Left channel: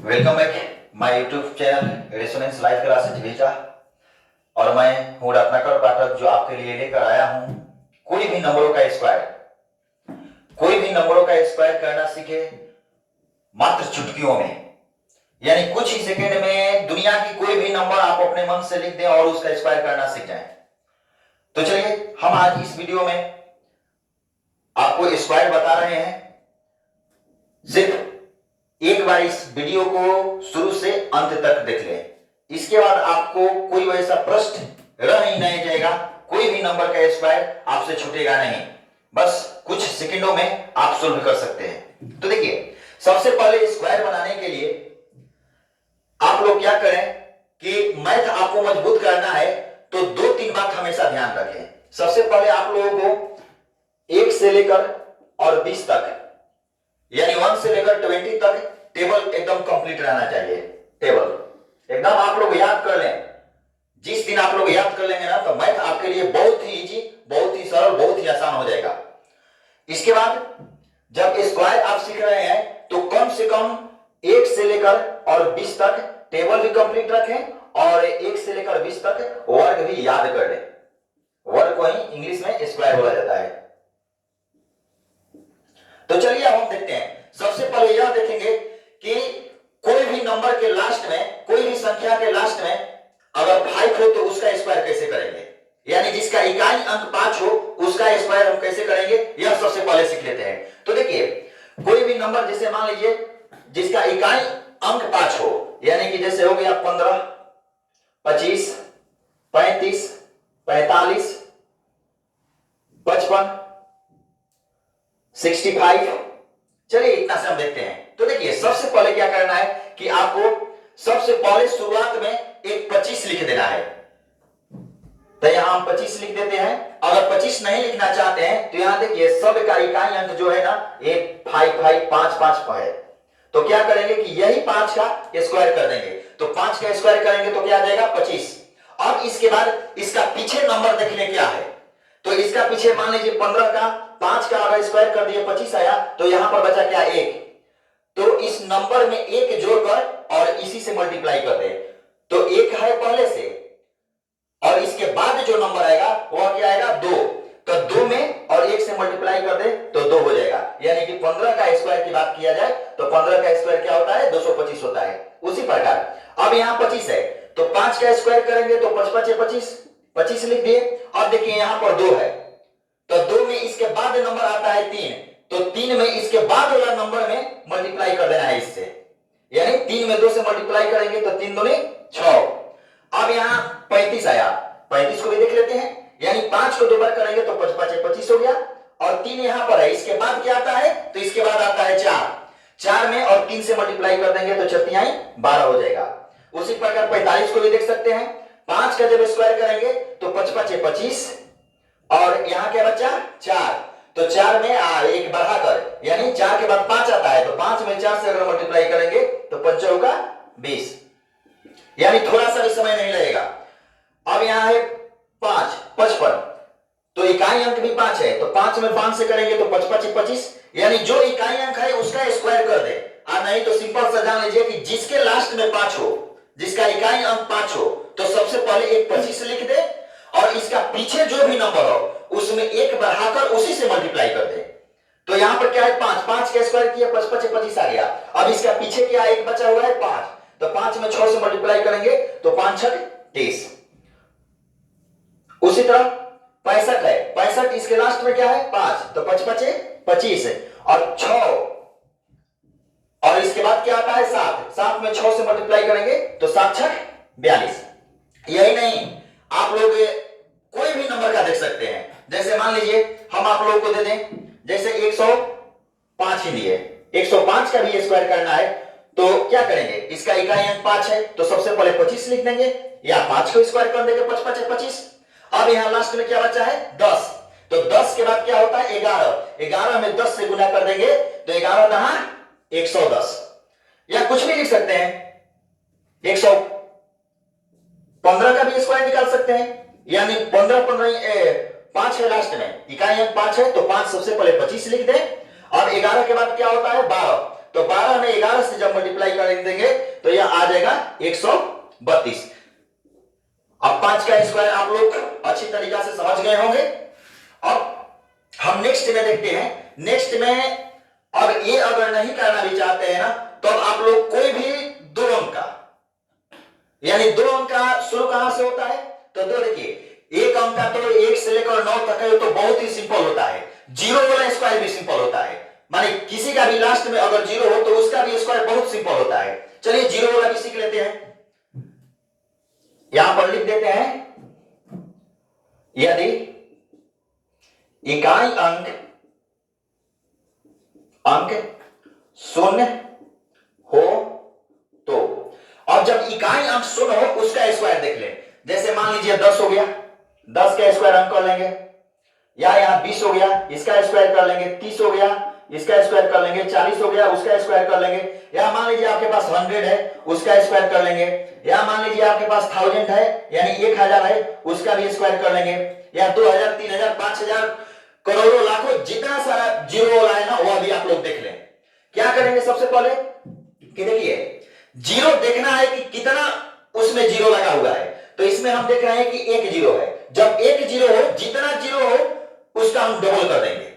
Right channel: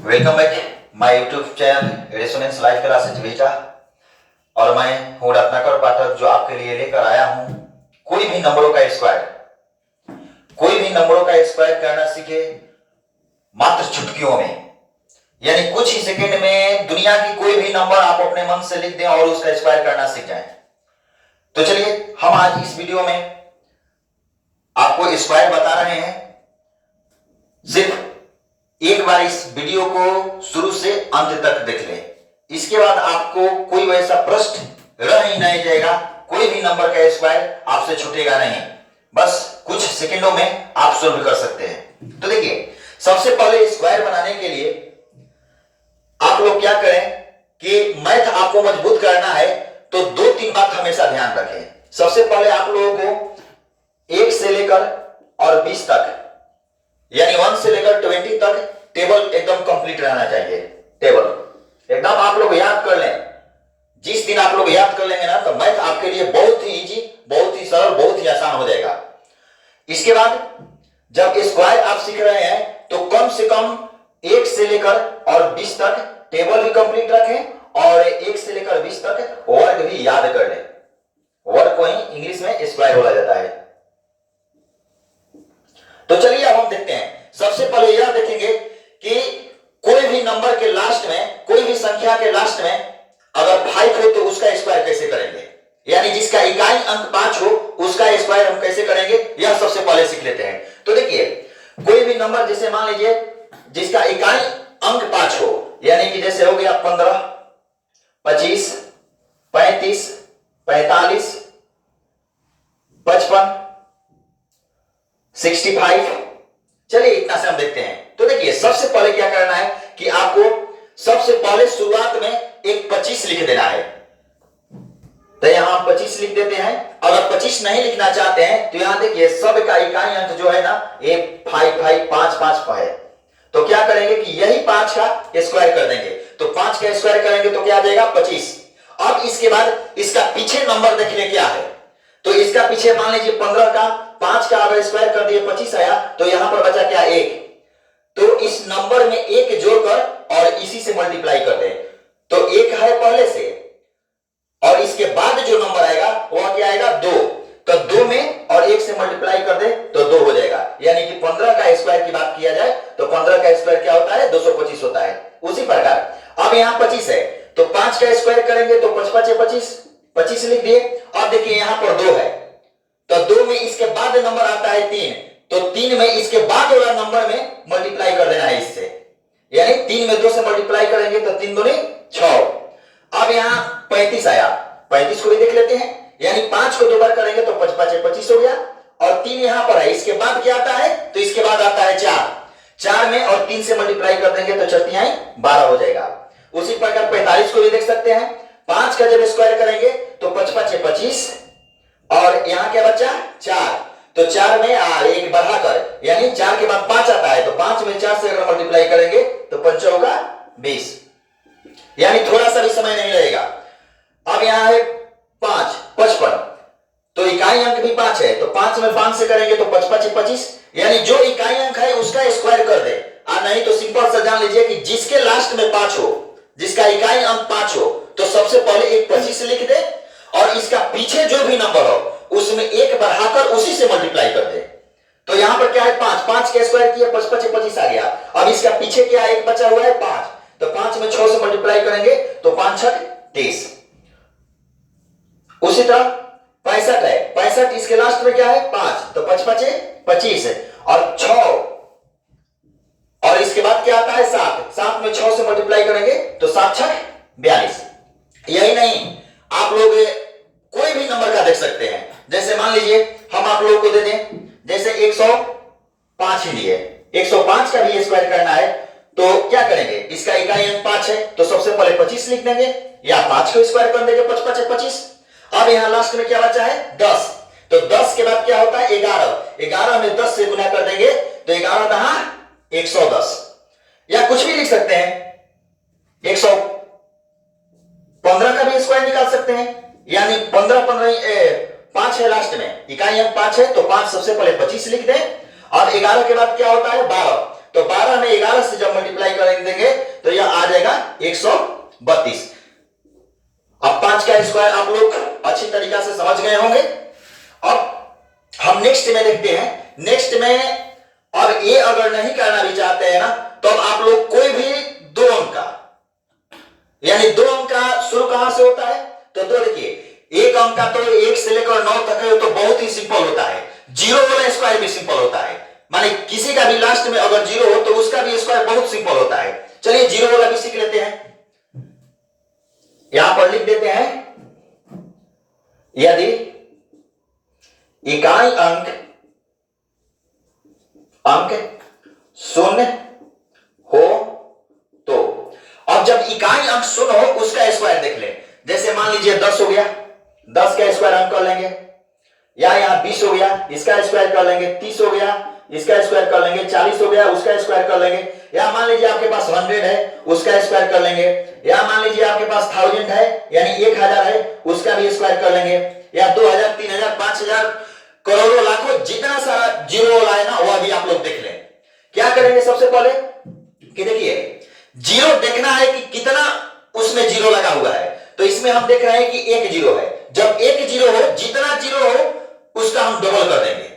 Welcome back my YouTube channel resonance live classes भेजा। और मैं हूं रत्नाकर पाठक जो आपके लिए लेकर आया हूं कोई भी नंबरों का स्क्वायर करना सीखे मात्र चुटकियों में, यानी कुछ ही सेकंड में दुनिया की कोई भी नंबर आप अपने मन से लिख दें और उसका स्क्वायर करना सीख जाएं। तो चलिए हम आज इस वीडियो में आपको स्क्वायर बता रहे हैं। सिर्फ एक बार इस वीडियो को शुरू से अंत तक देख लें, इसके बाद आपको कोई वैसा प्रश्न रह ही नहीं जाएगा, कोई भी नंबर का स्क्वायर आपसे छूटेगा नहीं, बस कुछ सेकंडों में आप सोल्व कर सकते हैं। तो देखिए, सबसे पहले स्क्वायर बनाने के लिए आप लोग क्या करें कि मैथ आपको मजबूत करना है तो दो तीन बात हमेशा ध्यान रखें। सबसे पहले आप लोगों को 1 से लेकर और 20 तक, यानी 1 से लेकर 20 तक टेबल एकदम कंप्लीट रहना चाहिए। टेबल एकदम आप लोग याद कर लें। जिस दिन आप लोग याद कर लेंगे ना तो मैथ आपके लिए बहुत ही इजी, बहुत ही सरल, बहुत ही आसान हो जाएगा। इसके बाद जब स्क्वायर आप सीख रहे हैं तो कम से कम 1 से लेकर और 20 तक टेबल भी कंप्लीट रखें और 1 से लेकर 20 तक वर्ग भी याद कर लें। वर्ग को ही इंग्लिश में स्क्वायर बोला जाता है। तो चलिए अब हम देखते हैं। सबसे पहले यह देखेंगे कि कोई भी नंबर के लास्ट में, कोई भी संख्या के लास्ट में अगर 5 हो तो उसका स्क्वायर कैसे करेंगे, यानी जिसका इकाई अंक 5 हो उसका स्क्वायर हम कैसे करेंगे, यह सबसे पहले सीख लेते हैं। तो देखिए, कोई भी नंबर जैसे मान लीजिए जिसका इकाई अंक 5 हो, यानी कि जैसे हो गया 15, 25, 35, 45, 55, 65। चलिए इतना से हम देखते हैं। तो देखिए, सबसे पहले क्या करना है कि आपको सबसे पहले शुरुआत में एक 25 लिख देना है। तो यहां हम 25 लिख देते हैं। अगर 25 नहीं लिखना चाहते हैं तो यहां देखिए, सब का इकाई अंक जो है ना, ये 5 है। तो क्या करेंगे कि यही 5 का स्क्वायर कर देंगे। तो 5 का स्क्वायर करेंगे तो क्या आ जाएगा 25। अब इसके बाद इसका पीछे नंबर देखने क्या है। तो इसका पीछे मान लीजिए 15 का 5 का अगर स्क्वायर कर दिए 25 आया, तो यहां पर बचा क्या 1। तो इस नंबर में 1 जोड़कर और इसी से मल्टीप्लाई कर दे तो 1 है पहले से, और इसके बाद जो नंबर आएगा वह क्या आएगा 2। तो 2 में और 1 से मल्टीप्लाई कर दे तो 2 हो जाएगा। यानी कि 15 का स्क्वायर की बात किया जाए तो 15 का स्क्वायर क्या होता है 225 होता है। उसी प्रकार अब यहां 25 है तो 5 का स्क्वायर करेंगे तो 5 5 25, 25 लिख दिए। अब देखिए यहां पर 2 है तो 2 में इसके बाद नंबर आता है 3, तो 3 में इसके बाद वाला नंबर में मल्टीप्लाई कर देना है इससे, यानी 3 में 2 से मल्टीप्लाई करेंगे तो 3 दूनी 6। अब यहां 35 आया, 35 को भी देख लेते हैं। यानी 5 को 2 बार करेंगे तो 5 5 25 हो गया, और 3 यहां पर है। इसके बाद क्या आता है तो इसके बाद आता है 4। 4 में और 3 से मल्टीप्लाई कर देंगे तो 4 तिहाई 12 हो जाएगा। उसी प्रकार 45 को भी देख सकते हैं। 5 का जब स्क्वायर करेंगे तो 5 5 25, और यहां क्या बचा 4। तो 4 में 1 बढ़ाकर, यानी 4 के बाद 5 आता है तो 5 में 4 से अगर मल्टीप्लाई करेंगे तो 5 होगा 20, यानी थोड़ा सा भी समय नहीं लगेगा। अब यहां है 5 55, तो इकाई अंक भी 5 है तो 5 में 5 से करेंगे तो 5 5 25, यानी जो इकाई अंक है उसका स्क्वायर कर दे। नहीं तो सिंपल सा जान लीजिए कि जिसके लास्ट में 5 हो, जिसका इकाई अंक 5 हो, तो सबसे पहले एक 25 लिख दे और इसका पीछे जो भी नंबर हो उसमें 1 बढ़ाकर उसी से मल्टीप्लाई कर दे। तो यहां पर क्या है 5, 5 का स्क्वायर किया 5 5 25 आ गया। अब इसका पीछे क्या 1 बचा हुआ है 5, तो 5 में 6 से मल्टीप्लाई करेंगे तो 5 6 30। उसी तरह 65 है, 65 इसके लास्ट में क्या है 5, तो 5 5 25 और 6, और इसके बाद क्या आता है 7, 7 में 6 से मल्टीप्लाई करेंगे तो 7 6 42। यही नहीं, आप लोग कोई भी नंबर का देख सकते हैं। जैसे मान लीजिए हम आप लोगों को दे दें, जैसे 105 ही दिए, 105 का भी स्क्वायर करना है तो क्या करेंगे, इसका इकाई अंक 5 है तो सबसे पहले 25 लिख देंगे या 5 को स्क्वायर कर देंगे 5 5 25। अब यहां लास्ट में क्या बचा है 10, तो 10 के बाद क्या होता है 11, 11 में 10 से गुना कर देंगे तो 11 दहा 110, या कुछ भी लिख सकते हैं। 115 का भी स्क्वायर निकाल सकते हैं, यानी 15 5 है लास्ट में, इकाई अंक 5 है तो 5 सबसे पहले 25 लिख दें। अब 11 के बाद क्या होता है 12, तो 12 में 11 से जब मल्टीप्लाई कर देंगे तो अब आप लोग कोई भी 2 अंक का, यानी 2 अंक का शुरू कहां से होता है? तो देखिए 1 अंक का तो 1 से लेकर 9 तक है, तो बहुत ही सिंपल होता है। जीरो वाला स्क्वायर भी सिंपल होता है, माने किसी का भी लास्ट में अगर जीरो हो तो उसका भी स्क्वायर बहुत सिंपल होता है। चलिए जीरो वाला भी सीख लेते हैं, यहां पर लिख देते हैं, यदि इकाई अंक शून्य हो तो, अब जब इकाई अंक शून्य हो उसका स्क्वायर देख लें। जैसे मान लीजिए 10 हो गया, 10 का स्क्वायर हम कर लेंगे, या यहां 20 हो गया, इसका स्क्वायर कर लेंगे, 30 हो गया, इसका स्क्वायर कर लेंगे, 40 हो गया, उसका स्क्वायर कर लेंगे, या मान लीजिए आपके पास 100 है, उसका स्क्वायर कर लेंगे, या मान लीजिए आपके पास 1000 है, यानी 1000 है, उसका भी स्क्वायर कर लेंगे, या 2000, 3000, 5000, करोड़ों, लाखों, जितना सारा जीरो वाला है ना वो अभी आप लोग देख लें। क्या करेंगे सबसे पहले कि देखिए जीरो देखना है कि कितना उसमें जीरो लगा हुआ है, तो इसमें हम देख रहे हैं कि 1 जीरो है। जब 1 जीरो हो, जितना जीरो हो उसका हम डबल कर देंगे।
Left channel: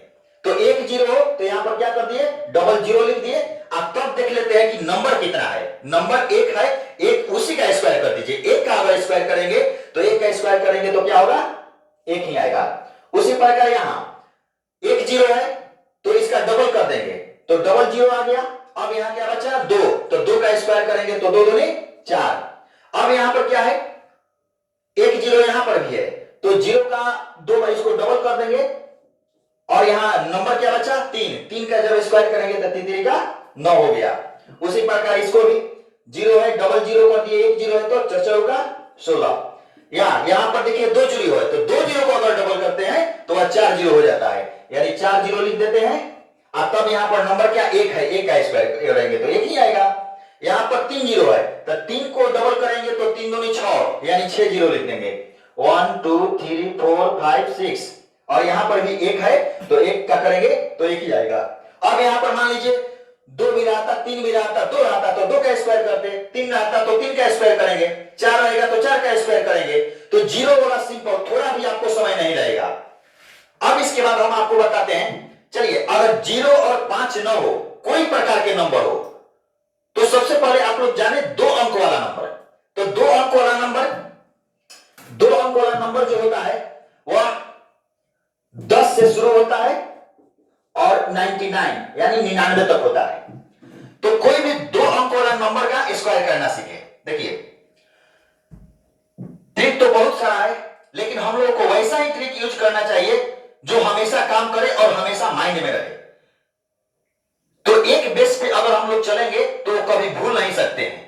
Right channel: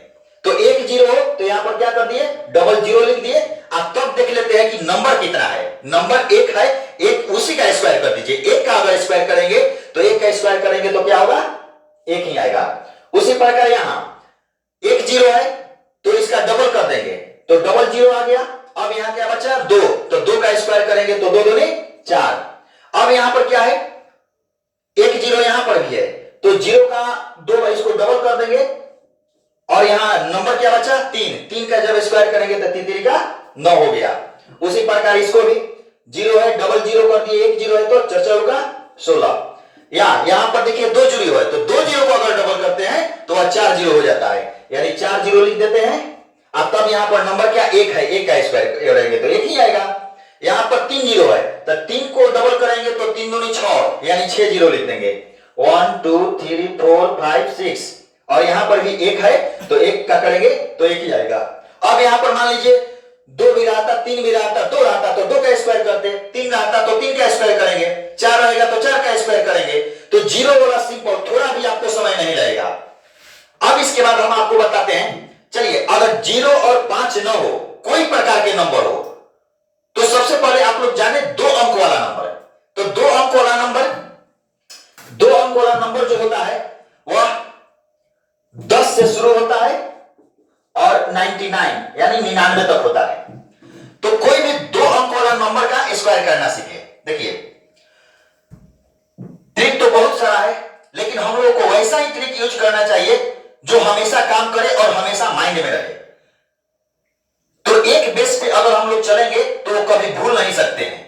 तो 1 जीरो हो तो यहां पर क्या कर दिए, डबल जीरो लिख दिए। अब तब देख लेते हैं कि नंबर कितना है। नंबर 1 है, 1 उसी का स्क्वायर कर दीजिए। 1 का अगर स्क्वायर करेंगे तो 1 का स्क्वायर करेंगे तो क्या होगा, 1 ही आएगा। उसी प्रकार यहां 1 जीरो है तो इसका डबल कर देंगे, तो डबल जीरो आ गया। अब यहां क्या बचा, 2, तो 2 का स्क्वायर करेंगे तो 2 दूनी 4। अब यहां पर क्या है, 1 जीरो यहां पर भी है, तो जीरो का 2 इसको डबल कर देंगे, और यहां नंबर क्या बचा, 3 का जब स्क्वायर करेंगे तो 3 का 9 हो गया। उसी प्रकार इसको भी जीरो है, डबल जीरो कर दिए, 1 जीरो है तो 4 का 16। यहां पर देखिए 2 जीरो है, तो 2 जीरो को अगर डबल करते हैं तो वह 4 जीरो हो जाता है, यानी 4 जीरो लिख देते हैं। अब तब यहां पर नंबर क्या 1 है, 1 का स्क्वायर करेंगे तो 1 ही आएगा। यहां पर 3 जीरो है, तो 3 को डबल करेंगे तो 3 दूनी 6, यानी 6 जीरो लिख देंगे। 1 2 3 4 5 6, और यहां पर भी 1 है तो 1 का करेंगे तो 1 ही आएगा। अब यहां पर मान लीजिए 2 भी रहता, 3 भी रहता, 2 रहता तो 2 का स्क्वायर करते, 3 रहता तो 3 का स्क्वायर करेंगे, 4 रहेगा तो 4 का स्क्वायर करेंगे। तो जीरो वाला सिंपल, थोड़ा भी आपको समय नहीं लगेगा। अब इसके बाद हम आपको बताते हैं, चलिए अगर 0 और 5 न हो, कोई प्रकार के नंबर हो, तो सबसे पहले आप लोग जाने 2 अंक वाला नंबर। तो 2 अंक वाला नंबर जो होता है वह 10 से शुरू होता है और 99 यानी 99 तक होता है। तो कोई भी 2 अंक वाला नंबर का स्क्वायर करना सीखे। देखिए ट्रिक तो बहुत सारा है, लेकिन हम लोगों को वैसा ही ट्रिक यूज करना चाहिए जो हमेशा काम करे और हमेशा माइंड में रहे। तो एक बेस पे अगर हम लोग चलेंगे तो कभी भूल नहीं सकते हैं।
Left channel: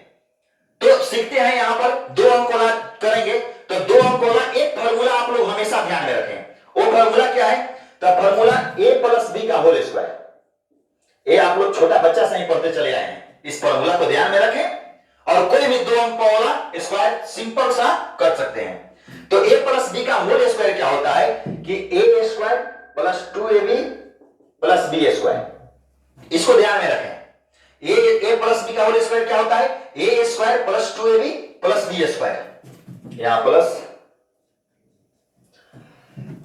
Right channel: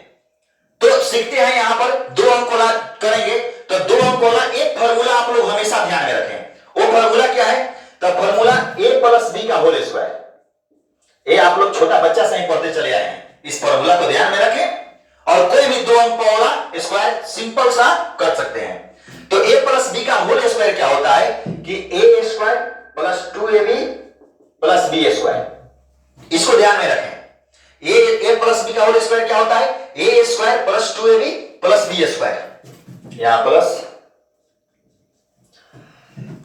तो सीखते हैं यहां पर 2 अंक वाला करेंगे, तो 2 अंक वाला एक फार्मूला आप लोग हमेशा ध्यान में रखें। वो फार्मूला क्या है, तो फार्मूला a प्लस बी का होल स्क्वायर। ये आप लोग छोटा बच्चा से ही पढ़ते चले आए हैं, इस फार्मूला को ध्यान में रखें और कोई भी 2 अंक वाला स्क्वायर सिंपल सा कर सकते हैं। तो a प्लस बी का होल स्क्वायर क्या होता है कि a square plus 2ab plus b square, इसको ध्यान में रखें। a प्लस बी का होल स्क्वायर क्या होता है, a square plus 2ab plus b square, यहां प्लस।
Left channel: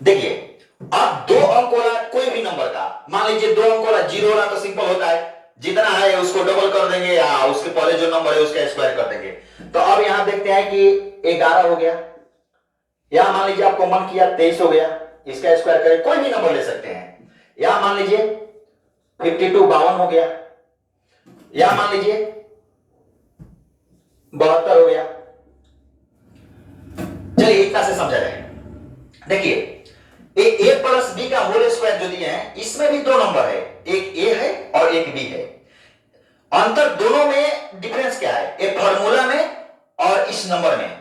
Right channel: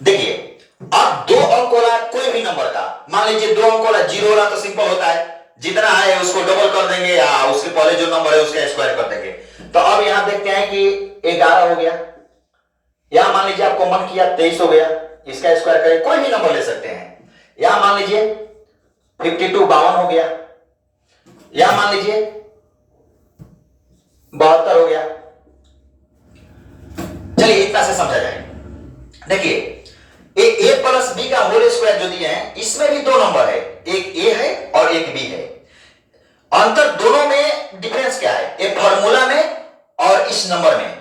देखिए अब 2 अंक वाला कोई भी नंबर का, मान लीजिए 2 अंक वाला 0 वाला तो सिंपल होता है, जितना है उसको डबल कर देंगे या उसके पहले जो नंबर है उसका स्क्वायर कर देंगे। तो अब यहां देखते हैं कि 11 हो गया, यहां मान लीजिए आपको मन किया 23 हो गया, इसका स्क्वायर करें, कोई भी नंबर ले सकते हैं। यहां मान लीजिए 52 52 हो गया, यहां मान लीजिए 72 हो गया। चलिए इतना से समझा जाए। देखिए a प्लस बी का होल स्क्वायर जो दिए हैं इसमें भी 2 नंबर है, एक a है और एक b है। अंतर दोनों में डिफरेंस क्या है, एक फार्मूला में और इस नंबर में।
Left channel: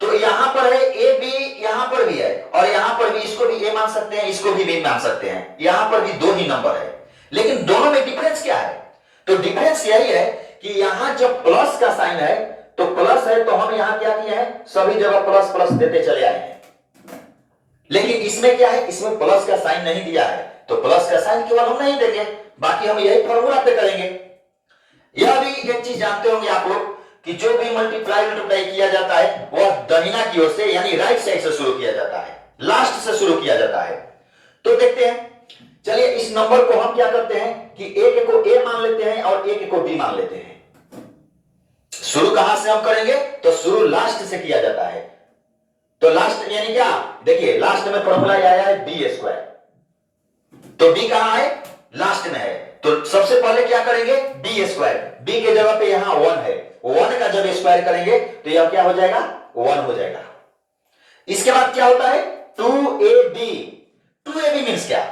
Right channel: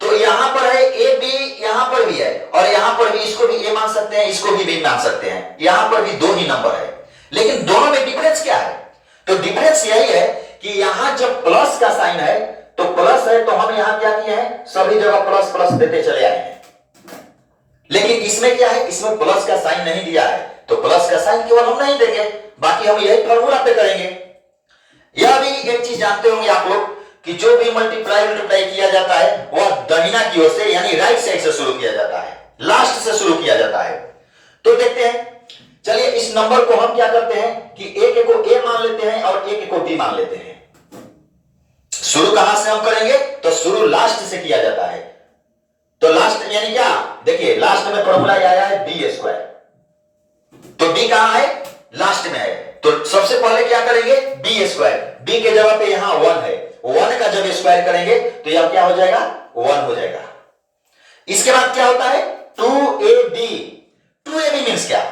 तो यहां पर है a b, यहां पर भी है और यहां पर भी, इसको भी a मान सकते हैं, इसको भी b मान सकते हैं। यहां पर भी 2 ही नंबर है, लेकिन दोनों में डिफरेंस क्या है, तो डिफरेंस यही है कि यहां जब प्लस का साइन है तो प्लस है तो हम यहां क्या किए हैं, सभी जगह प्लस प्लस देते चले आए हैं। लेकिन इसमें क्या है, इसमें प्लस का साइन नहीं दिया है, तो प्लस का साइन केवल हम नहीं देंगे, बाकी हम यही फार्मूला पे करेंगे। यह भी एक चीज जानते होंगे आप लोग कि जो भी मल्टीप्लाई किया जाता है वह दाहिना की ओर से यानी राइट साइड से शुरू किया जाता है, लास्ट से शुरू किया जाता है। तो देखते हैं चलिए इस नंबर को हम क्या करते हैं कि एक को ए मान लेते हैं और एक को बी मान लेते हैं। शुरू कहां से हम करेंगे, तो शुरू लास्ट से किया जाता है। तो लास्ट यानी क्या, देखिए लास्ट में फॉर्मूला आया है बी स्क्वायर, तो बी कहां है, लास्ट में है। तो सबसे पहले क्या करेंगे, बी स्क्वायर, बी के जगह पे यहां 1 है, 1 का जब स्क्वायर करेंगे तो यह क्या हो जाएगा, 1 हो जाएगा। इसके बाद क्या होता है 2ab, 2ab मींस क्या,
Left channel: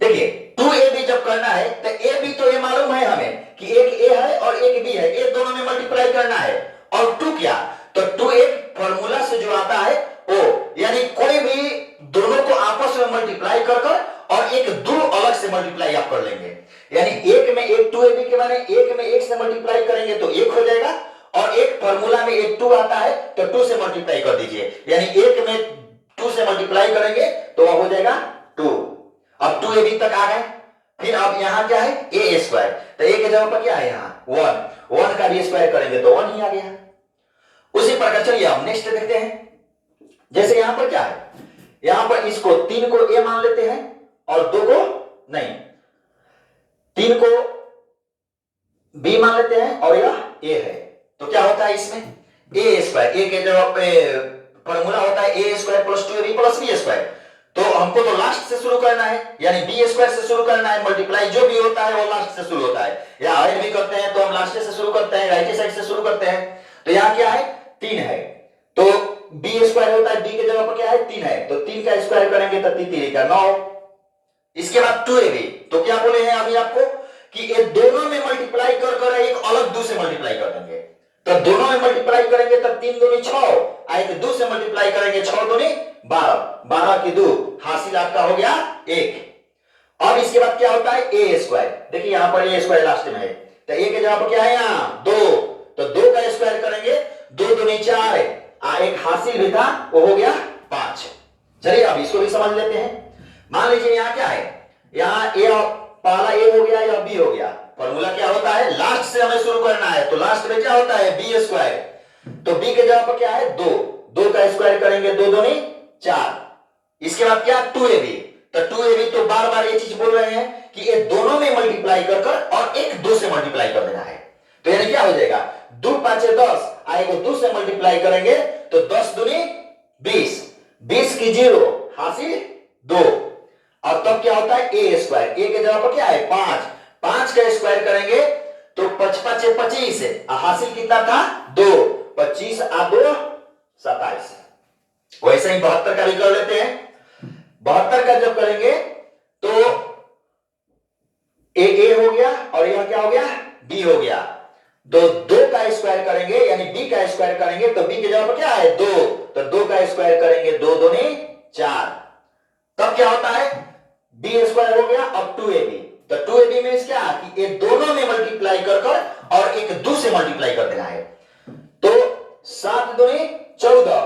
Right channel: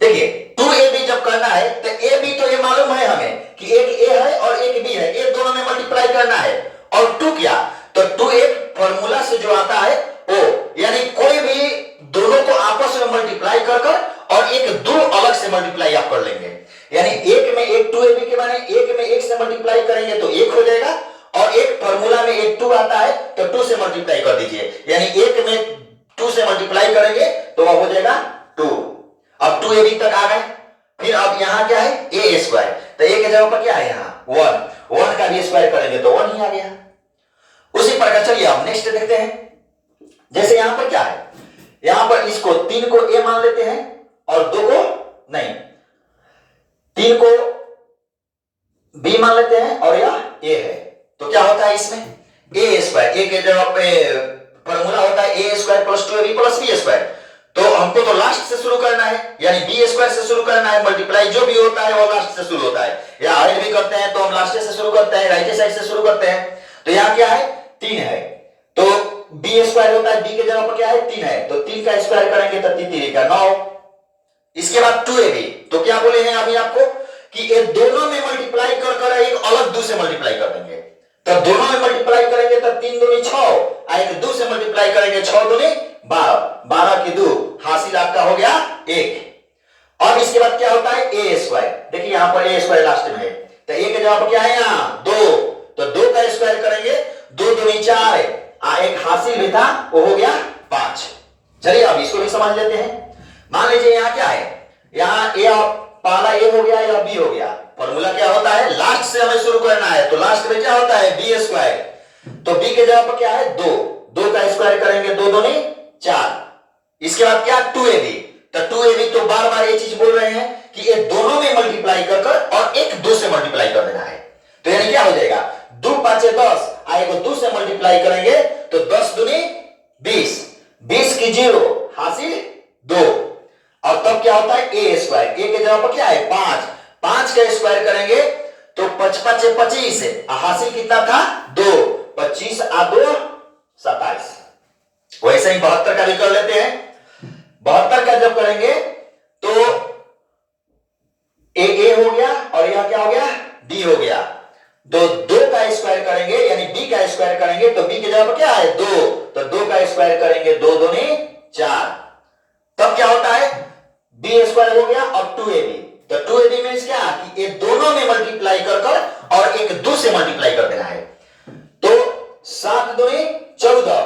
देखिए 2ab जब करना है तो ab तो ये मालूम है हमें कि एक a है और एक b है, ये दोनों में मल्टीप्लाई करना है। और 2 क्या, तो 2 एक फॉर्मूला से जो आता है o, यानी कोई भी दोनों को आपस में मल्टीप्लाई कर कर और एक 2 अलग से मल्टीप्लाई आप कर लेंगे। यानी एक में एक 2ab के माने एक में एक से मल्टीप्लाई करेंगे तो 1 हो जाएगा, और एक फॉर्मूला में एक 2 आता है तो 2 से मल्टीप्लाई कर दीजिए, यानी एक में 2 से मल्टीप्लाई करेंगे तो वह हो जाएगा 2। अब 2ab तक आ गए, फिर अब यहां क्या है a स्क्वायर, तो a के जगह पर क्या है यहां 1, 1 का भी स्क्वायर करेंगे तो 1 ही आ गया। उसी प्रकार चलिए अब नेक्स्ट देखते हैं। जैसे यहां पर क्या है, यहां पर इसको 3 को a मान लेते हैं और 2 को नहीं, 3 को b मान लेते हैं और यह a है, तो क्या होता है इसमें a स्क्वायर, a के जगह पे फॉर्मूला होता है a square plus 2ab plus b square. तो हमको तो लास्ट से शुरू करना है, यानी बी स्क्वायर से शुरू करना है, मल्टीप्लाई जो भी होता है वो लास्ट से शुरू होता है, या ऐड भी करते हैं तो हम लास्ट से शुरू करते हैं, राइट साइड से शुरू करते हैं। तो यहां क्या है 3 है, तो बी स्क्वायर होता है, बी के जगह पर क्या है 3 है, तो 3 का स्क्वायर करेंगे तो 3 3 का 9। इसके बाद 2ab, तो क्या बोले हैं अभी आपको कि ये दोनों में मल्टीप्लाई कर कर एक अलग 2 से मल्टीप्लाई कर देंगे, तो दोनों में मल्टीप्लाई करेंगे तो 3 दूनी 6, एक 2 से मल्टीप्लाई करेंगे 6 दूनी 12, 12 की 2, हासिल आपका हो गया 1। अब इसके बाद क्या होता है a स्क्वायर, देखिए यहां पर a स्क्वायर लास्ट में है, तो a के जगह पर क्या है यहां 2, तो 2 का स्क्वायर करेंगे 2 दूनी 4, एक हासिल भी था वो हो गया 5। चलिए अब इसको भी समझ लेते हैं। मान लीजिए यहां क्या है, यहां a पहला a हो गया या b हो गया, फॉर्मूला क्या होता है लास्ट से हमें शुरू करना है, तो लास्ट में क्या होता है बी स्क्वायर, तो b के जगह पर क्या है 2, 2 का स्क्वायर करेंगे 2 दूनी 4। इसके बाद क्या 2ab, तो 2ab तो बार बार ये चीज बोल रहे हैं कि ये दोनों में मल्टीप्लाई कर कर और एक 2 से मल्टीप्लाई कर देना है, तो यानी क्या हो जाएगा 2 5 10, आएगा 2 से मल्टीप्लाई करेंगे तो 10 दूनी 20, 20 की 0 हासिल 2, और तब क्या होता है a स्क्वायर, a के जगह पर क्या है 5, 5 का स्क्वायर करेंगे तो 5 5 25, हासिल कितना था 2, 25 आ 2 27। वैसे ही 72 का भी कर लेते हैं। 72 का जब करेंगे तो ए हो गया और यहां क्या हो गया बी हो गया, तो 2 का स्क्वायर करेंगे यानी b का स्क्वायर करेंगे तो b की जगह पर क्या है 2, तो 2 का स्क्वायर करेंगे 2 दूनी 4, तब क्या होता है b स्क्वायर हो गया और 2ab, तो 2ab मींस क्या कि ये दोनों में मल्टीप्लाई कर कर और एक 2 से मल्टीप्लाई कर देना है, तो 7 दूनी 14,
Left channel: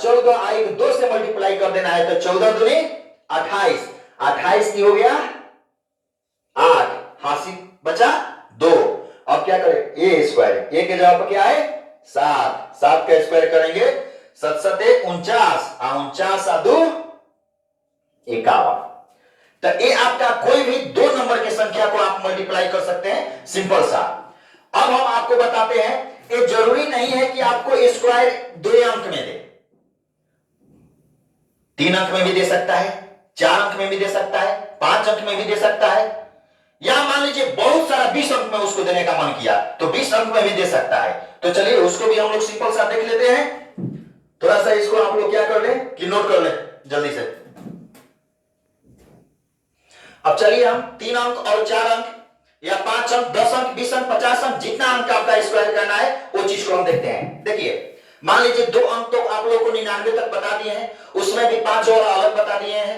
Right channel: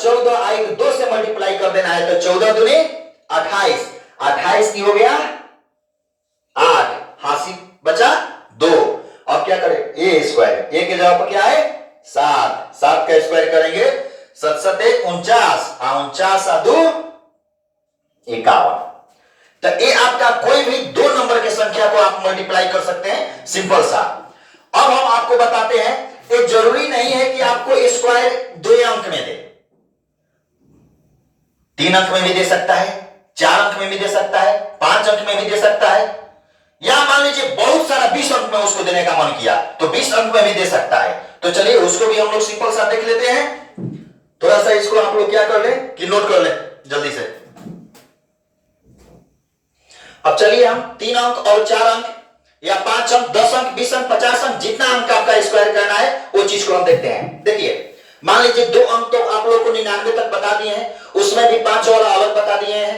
14 एक 2 से मल्टीप्लाई कर देना है, तो 14 दूनी 28, 28 की हो गया 8, हासिल बचा 2। अब क्या करें ए स्क्वायर, ए के जगह पर क्या है 7, 7 का स्क्वायर करेंगे 7 7 49, 49 आ 2 51। तो ये आपका कोई भी 2 नंबर की संख्या को आप मल्टीप्लाई कर सकते हैं, सिंपल सा। अब हम आपको बताते हैं ये जरूरी नहीं है कि आपको स्क्वायर 2 अंक में दे, 3 अंक में भी दे सकता है, 4 अंक में भी दे सकता है, 5 अंक में भी दे सकता है, या मान लीजिए बहुत सारा 20 अंक में उसको देने का मन किया तो 20 अंक में भी दे सकता है। तो चलिए उसको भी हम लोग सिंपल सा देख लेते हैं। थोड़ा सा इसको आप लोग क्या कर ले कि नोट कर ले जल्दी से। अब चलिए हम 3 अंक और 4 अंक या 5 अंक 10 अंक 20 अंक 50 अंक जितना अंक आपका स्क्वायर करना है वो चीज को हम देखते हैं। देखिए मान लीजिए 2 अंक तो आप लोगों को 99 तक बता दिए हैं, उसमें भी 5 वाला अलग बता दिए हैं,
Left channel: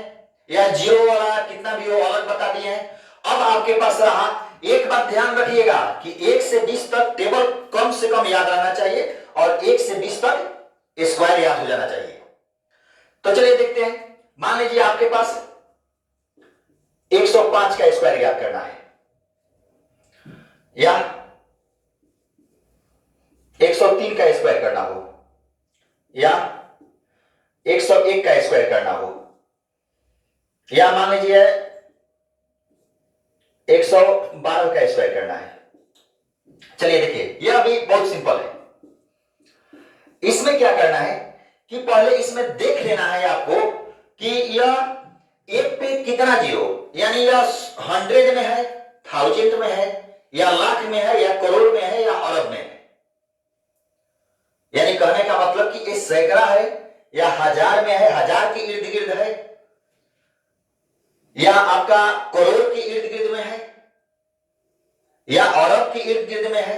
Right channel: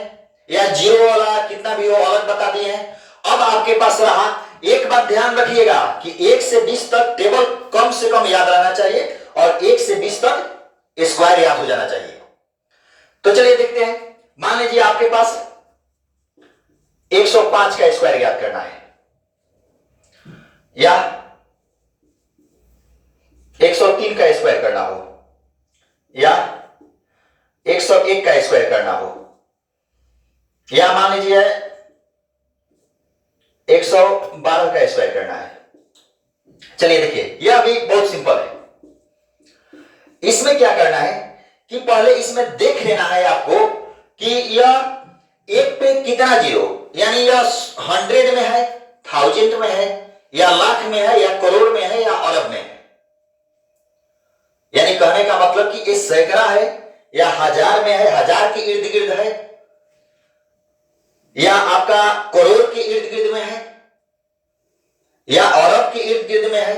या 0 वाला कितना भी हो अलग बता दिए हैं। अब आपके पास रहा, एक बात ध्यान रखिएगा कि 1 से 20 तक टेबल कम से कम याद रहना चाहिए और 1 से 20 तक स्क्वायर याद हो जाना चाहिए। तो चलिए देखते हैं। मान लीजिए आपके पास 105 का स्क्वायर याद करना है, या 103 का स्क्वायर करना हो, या 101 का स्क्वायर करना हो, या मान लीजिए 112 का स्क्वायर करना है। चलिए देखिए, यह अभी बहुत सिंपल है। इसमें क्या करना है कि पहले इसमें देख लेना है आपको कि यह एक पे कितना जीरो, यानी यह 100 में है, 1000 में है, या लाख में है, या करोड़ में है, या अरब में है। यानी कहने का मतलब कि ये सैकड़ा है, या हजार में है, हजार के इर्द गिर्द है, या आपका करोड़ के इर्द गिर्द में है, या अरब के इर्द गिर्द में है।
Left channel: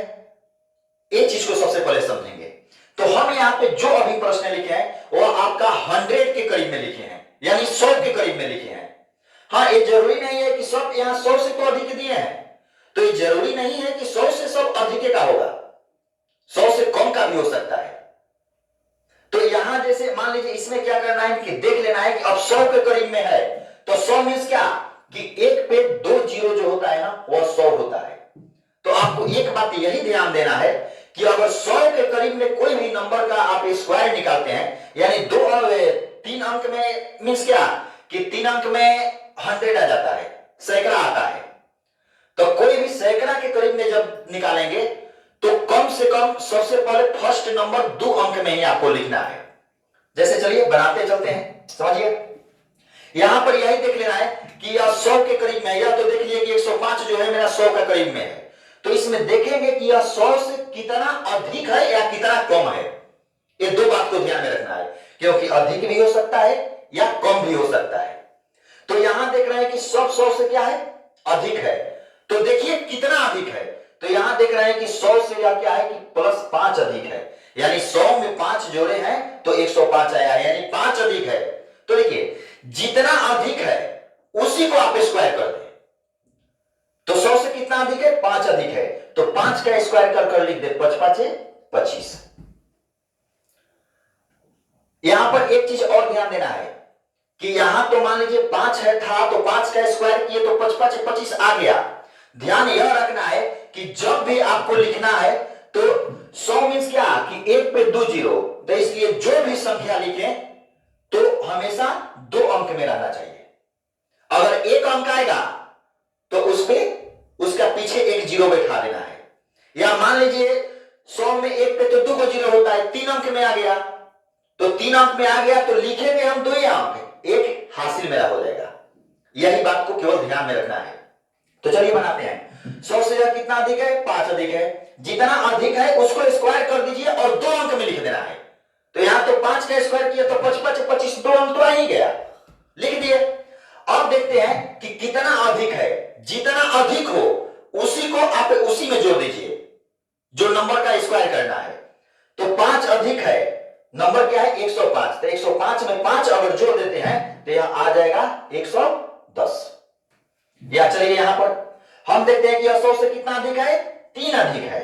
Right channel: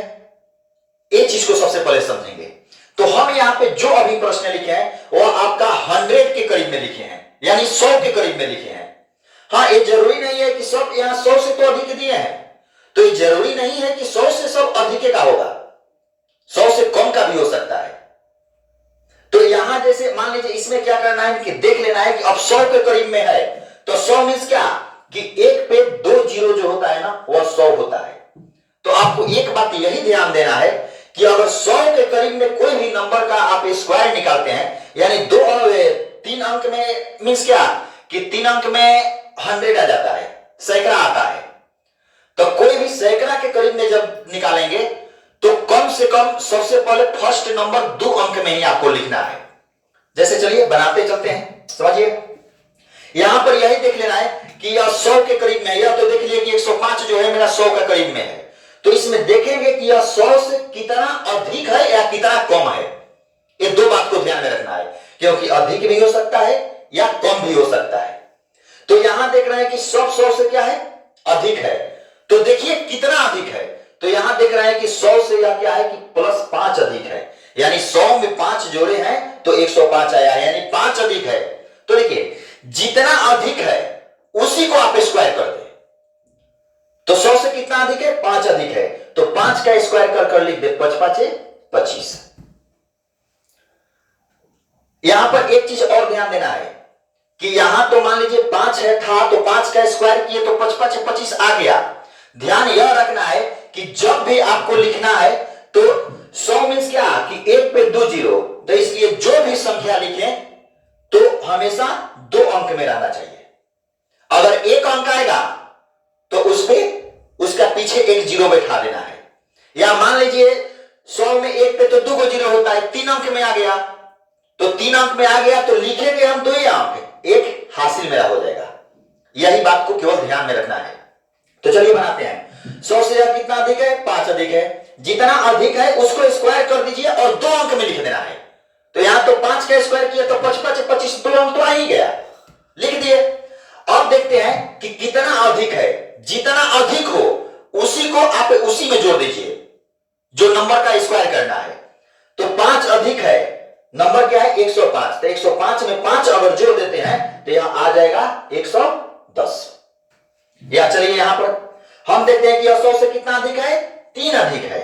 ये चीज को सबसे पहले समझेंगे। तो हम यहां पे जो अभी प्रश्न लिखे हैं वो आपका 100 के करीब में लिखे हैं, यानी 100 के करीब में लिखे हैं। हाँ, ये जरूरी नहीं है कि सब यहां 100 से तो अधिक दिए हैं, तो ये जरूरी नहीं है कि 100 से सब अधिक का होगा, 100 से कम का भी हो सकता है। तो यहां जैसे मान लीजिए इसमें क्या करना है कि देख लेना है कि अब 100 के करीब में है, तो 100 मीन्स क्या कि एक पे 2 जीरो जो होता है ना वह 100 होता है। तो आपको एक बात यही ध्यान देना है कि अगर 100 के करीब में कोई भी नंबर का आप स्क्वायर निकालते हैं, यानी 3 अंक में मीन्स क्या कि 3 अंक में 100 आ जाता है, सैकड़ा आता है। तो कोई भी सैकड़ा के करीब में जब निकालेंगे तो कम से कम सबसे पहले फर्स्ट नंबर 2 अंक में ही आपको लिखना है। जैसे चलिए बनाते चलते हैं, समझिए। यहां पर यही देख लेना है कि यह 100 के करीब में है, यह तो देख लिया कि 105 जो है मेरा 100 के करीब में है। तो इसमें देखेंगे कि यह 100 से कितना अधिक है या कितना कम है। ये दो बात को ध्यान में रखना है, क्योंकि अधिक भी हो सकता है या कम भी हो सकता है। तो यहां देख रहे हैं कि सब 100 से क्या है, अधिक है। तो देखिए कितना अधिक है, तो यहां देख रहे हैं कि 100 से यह क्या है कि +5 अधिक है, यानी 100 में 5 जोड़े हैं तो 105 आया है, यानी 5 अधिक है। तो देखिए जितना अधिक है उसी को आप स्क्वायर कर दें। तो 100 से कितना अधिक है, 5 अधिक है, तो 5 का स्क्वायर कर लिख दे, 5 5 25। यहां पर एक चीज और ध्यान देना है कि यहां तो मान लीजिए 5 है था, तो 5 का स्क्वायर किए तो 5 5 25 आ गया। ध्यान यह रखना है कि जब भी आपको लिखना है तो 100 मीन्स क्या कि एक पे 2 जीरो, तो इसलिए जो भी संख्या लिखें तो हमेशा 2 अंक में रहना चाहिए। अगर एक अंक आएगा तो उस पे उसका पीछे एक जीरो बैठा देना है। या मान लीजिए 100 में एक पे तो 2 को जीरो होता है, 3 अंक में आ गया, तो 3 अंक में आ गया तो लिखेंगे हम 2 ही अंक, एक हासिल मेरा हो जाएगा। यही बात को केवल ध्यान में रखना है। तो चलिए बनाते हैं। 100 से कितना अधिक है, 5 अधिक है। जितना अधिक है उसको स्क्वायर कर दीजिए और 2 अंक में लिख देना है। तो यहां तो 5 का स्क्वायर किया तो 5 5 25, 2 अंक तो आ ही गया, लिख दिए। अब देखते हैं कि कितना अधिक है। जितना अधिक हो उसी को आप उसी में जोड़ दीजिए जो नंबर का स्क्वायर करना है। तो 5 अधिक है, नंबर क्या है 105, तो 105 में 5 अगर जोड़ देते हैं तो यहां आ जाएगा 110। या चलिए यहां पर हम देखते हैं कि 100 से कितना अधिक है, 3 अधिक है।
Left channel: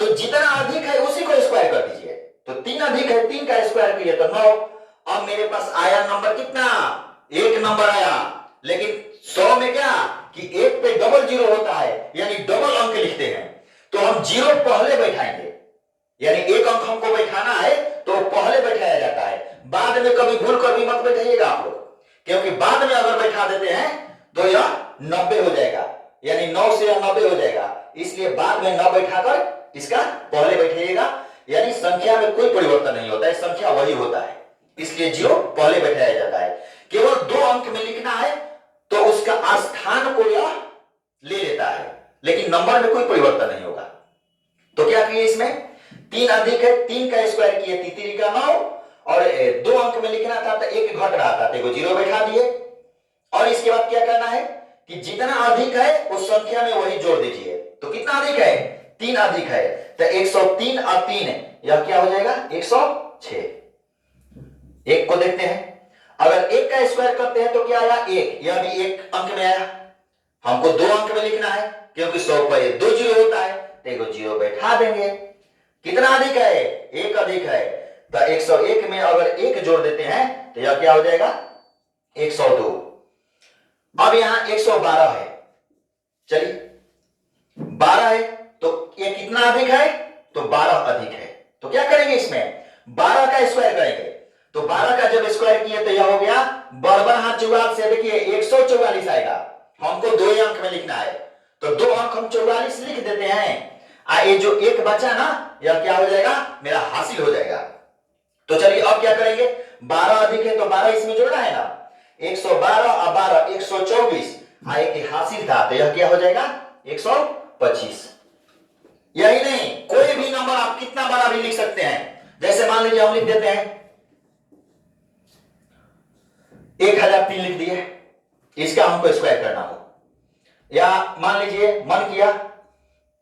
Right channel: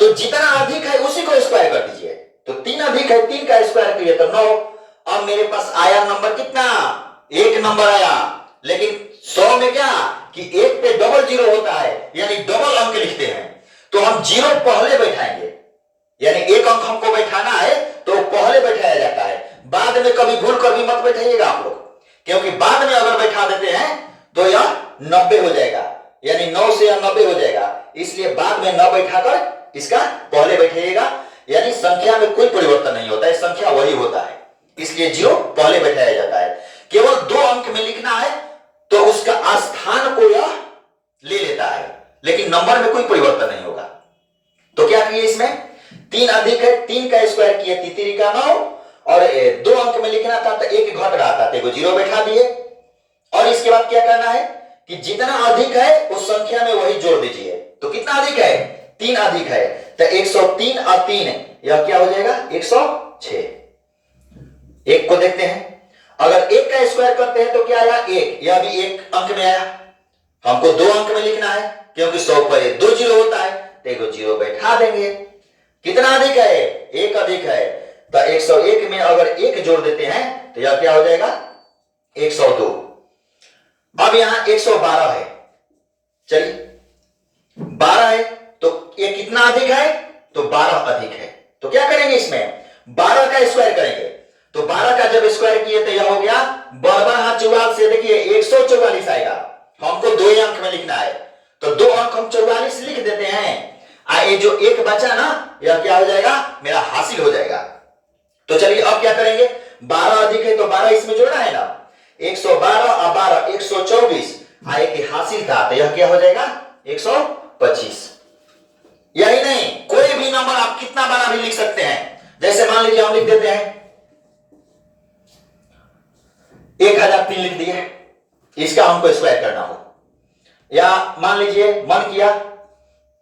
तो जितना अधिक है उसी को स्क्वायर कर दीजिए। तो 3 अधिक है, 3 का स्क्वायर किए तो 9। अब मेरे पास आया नंबर कितना, 1 नंबर आया। लेकिन 100 में क्या कि एक पे डबल जीरो होता है, यानी डबल अंक लिखते हैं, तो हम जीरो पहले बैठाएंगे। यानी एक अंक हमको बैठाना है तो पहले बैठाया जाता है, बाद में कभी भूल कर भी मत बैठाइएगा आप लोग, क्योंकि बाद में अगर बैठा देते हैं तो यह 90 हो जाएगा, यानी 9 से यह 90 हो जाएगा। इसलिए बाद में न बैठाकर इसका पहले बैठाइएगा, यानी संख्या में कोई परिवर्तन नहीं होता है, संख्या वही होता है, इसलिए जीरो पहले बैठाया जाता है। केवल 2 अंक में लिखना है तो उसका स्थान को यह ले लेता है, लेकिन नंबर में कोई परिवर्तन नहीं होगा। तो क्या किए इसमें, 3 अधिक है, 3 का स्क्वायर किए 3 का 9, और 2 अंक में लिखना था तो एक घट रहा था तो जीरो बैठा दिए। और इसके बाद क्या करना है कि जितना अधिक है उस संख्या में वही जोड़ दीजिए। तो कितना अधिक है, 3 अधिक है, तो 103 और 3 यह क्या हो जाएगा 106। एक को देखते हैं, अगर एक का स्क्वायर करते हैं तो क्या आया 1, यह भी 1 अंक में आया। हमको 2 अंक में लिखना है क्योंकि 100 पर 2 जीरो होता है, तो एक जीरो बैठा देंगे। कितना अधिक है, 1 अधिक है, तो 101 में अगर 1 जोड़ देते हैं तो यह क्या हो जाएगा 102। अब यहां 112 है, चलिए 12 है तो ये कितना अधिक है, तो 12 अधिक है। तो क्या करेंगे इसमें 12 का स्क्वायर करेंगे, तो 12 का जब स्क्वायर किए तो यह हो गया बराबर हाथ चौवाल से, देखिए 144 आएगा। हमको 2 अंक में लिखना है, तो 2 अंक हम 44 लिख देते हैं। ये जो एक बचा ना, यह क्या हो जाएगा, मेरा हासिल हो जाएगा। तो चलिए अब क्या करेंगे, 12 अधिक है तो 12 इसमें जोड़ना है ना, 112 और 12 124, एक हासिल था तो यह क्या हो जाएगा 125। यही नहीं, कोई भी नंबर आप कितना बड़ा भी लिख सकते हैं। जैसे मान लीजिए हम लिख देते हैं 1003 लिख दिए, इसका हमको स्क्वायर करना हो, या मान लीजिए मन किया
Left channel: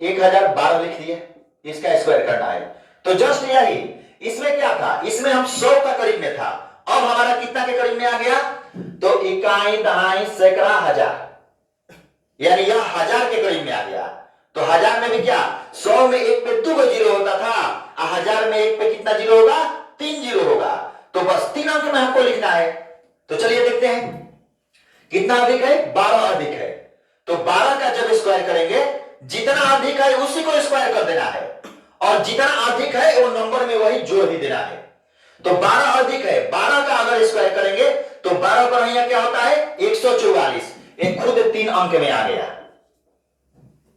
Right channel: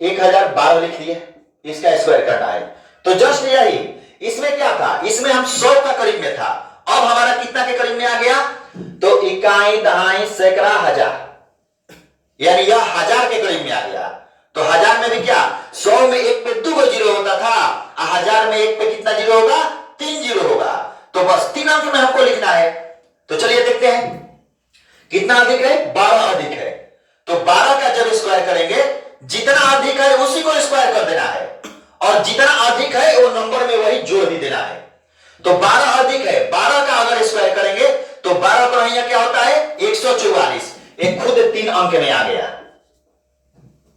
1012 लिख दिए, इसका स्क्वायर करना है। तो जस्ट यही, इसमें क्या था, इसमें हम 100 का करीब में था, अब हमारा कितना के करीब में आ गया, तो इकाई दहाई सैकड़ा हजार, यानी यह 1000 के करीब में आ गया। तो 1000 में भी क्या, 100 में एक पे 2 जीरो होता था, 1000 में एक पे कितना जीरो होगा, 3 जीरो होगा। तो बस 3 अंक में हमको लिखना है। तो चलिए देखते हैं कितना अधिक है, 12 अधिक है। तो 12 का जब स्क्वायर करेंगे, जितना अधिक है उसी को स्क्वायर कर देना है, और जितना अधिक है वो नंबर में वही जोड़ भी देना है। तो 12 अधिक है, 12 का अगर स्क्वायर करेंगे तो 12 का यहाँ क्या होता है 144, एक खुद 3 अंक में आ गया।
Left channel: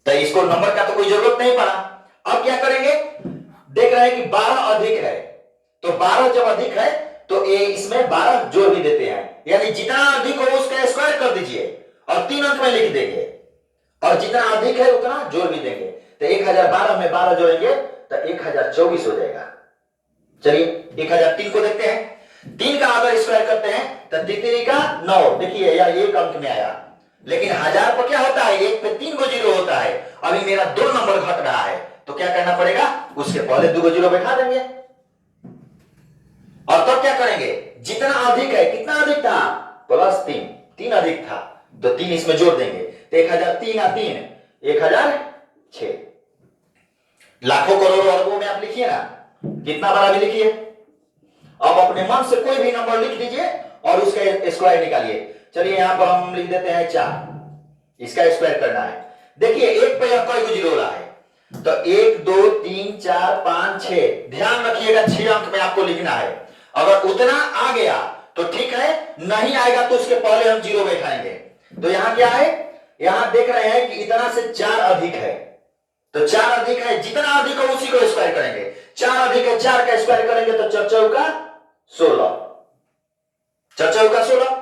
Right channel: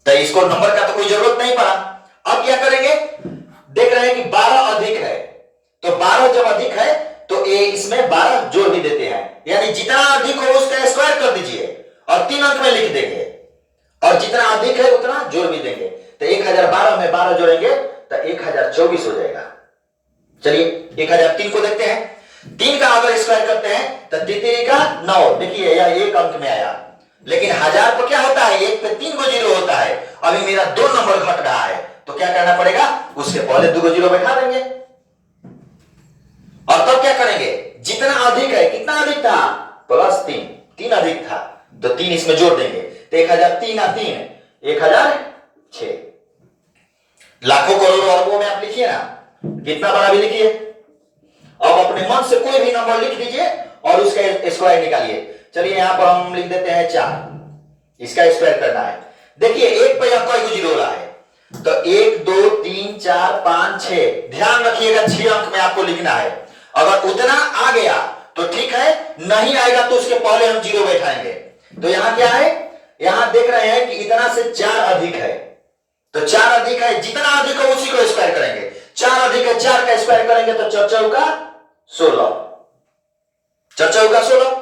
तो इसको नंबर का तो कोई जरूरत नहीं पड़ा। अब क्या करेंगे, देख रहे हैं कि 12 अधिक है, तो 12 जब अधिक है तो इसमें 12 जोड़ भी देते हैं, यानी जितना अधिक हो उसका स्क्वायर कर दीजिए और 3 अंक में लिख देंगे, और जितना अधिक है उतना जोड़ भी देंगे। तो 1012 में 12 जोड़ेंगे तो 1024 हो जाएगा। चलिए 1003 को देखते हैं, 3 का अगर स्क्वायर करते हैं तो 3 का 9, देखिए यह 1 अंक में आया, लेकिन 1000 तो क्या होता है, एक पे 3 जीरो होता है, अभी मेरा 2 नंबर घट रहा है, तो क्या करना पड़ेगा, उसके पहले 2 जीरो बैठा देंगे, और तब क्या करेंगे, जितना अधिक है, कितना अधिक था +3, 3 अधिक था तो 3 इसमें जोड़ देंगे, तो 1003 3 1006। लाखों करोड़ों अरबों में आप लिखिए ना, कितना बड़ा भी लिखिए। अब अपने मन से कोई भी नंबर लिख दीजिए और उसका स्क्वायर निकालिए। चलिए यहां पर हम लिख देते हैं 4, इसका स्क्वायर करना है। देखिए एक पे यह कई जीरो रहा है, तो 1 2 3 4 5 6, ध्यान रखिएगा 6 अंक में आपको लिखना है। अगर उतना आ गया तो ठीक है, नहीं आएगा तो उसके पहले हम जीरो बैठाएंगे। तो यहां क्या है, यहां देख रहे हैं कि इतना से 4 अधिक है, तो 4 अधिक है, जितना अधिक है उसी को स्क्वायर करेंगे। 4 अधिक है, 4 का स्क्वायर करेंगे तो 4 चौका 16, 4 चौका 16।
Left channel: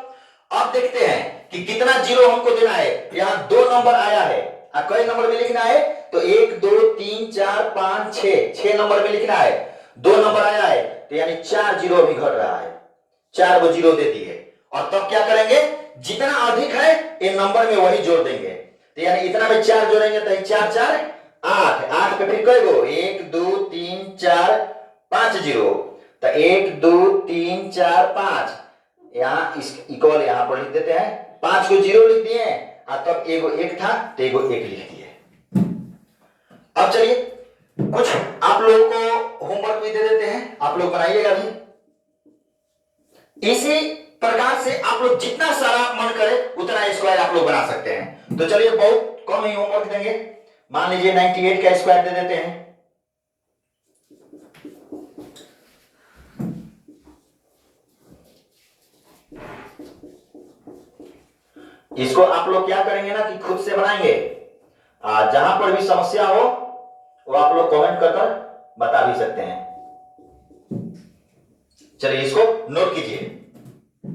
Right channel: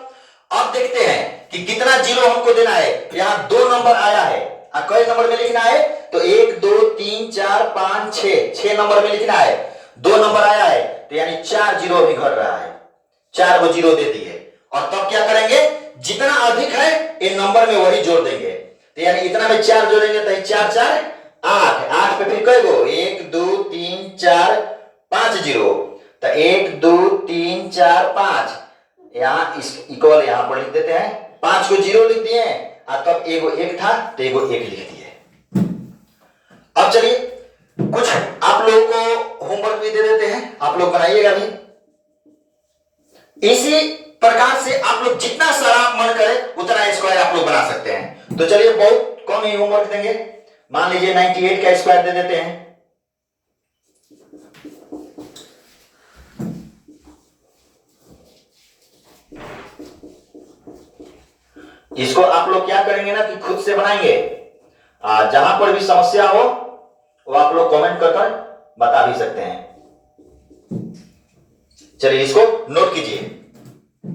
अब देखते हैं कि कितना जीरो हमको देना है। यहां 2 नंबर आया है, कई नंबर में लिखना है, तो 1 2 3 4 5 6 नंबर में लिखना है। 2 नंबर आया है तो यानी 4 जीरो भी घट रहा है, 4 को जीरो दे दिए, और तब क्या करेंगे, जितना अधिक है इन नंबर में वही जोड़ देंगे। तो यानी इतना में 4 जोड़ेंगे तो 4 4 8, 8 पे फिर कई गो, 1 2 3 4 5 जीरो, तो 1 2 3 4 5, यहां इस इक्वल यहां पर लिख देते हैं, 5 को जीरो लिख दिए, तब एगो 1 था तो एगो 1 लिख दिए। अब चलिए कुछ आप लोगों को होमवर्क भी दे देते हैं, आप लोग बनाइएगा भी। इसी प्रकार से आप लोग जितना सारा मन करे उतना स्क्वायर आप लोग बना सकते हैं। तो चलिए बहुत कम ही होमवर्क देंगे, मान लीजिए 98 का स्क्वायर दे देते हैं। इसको आप लोग क्या करेंगे ना कि खुद से बनाएंगे, जहां पर भी समस्या हो वो आप लोग कमेंट कर कर बता भी सकते हैं। चलिए इसको नोट कीजिए।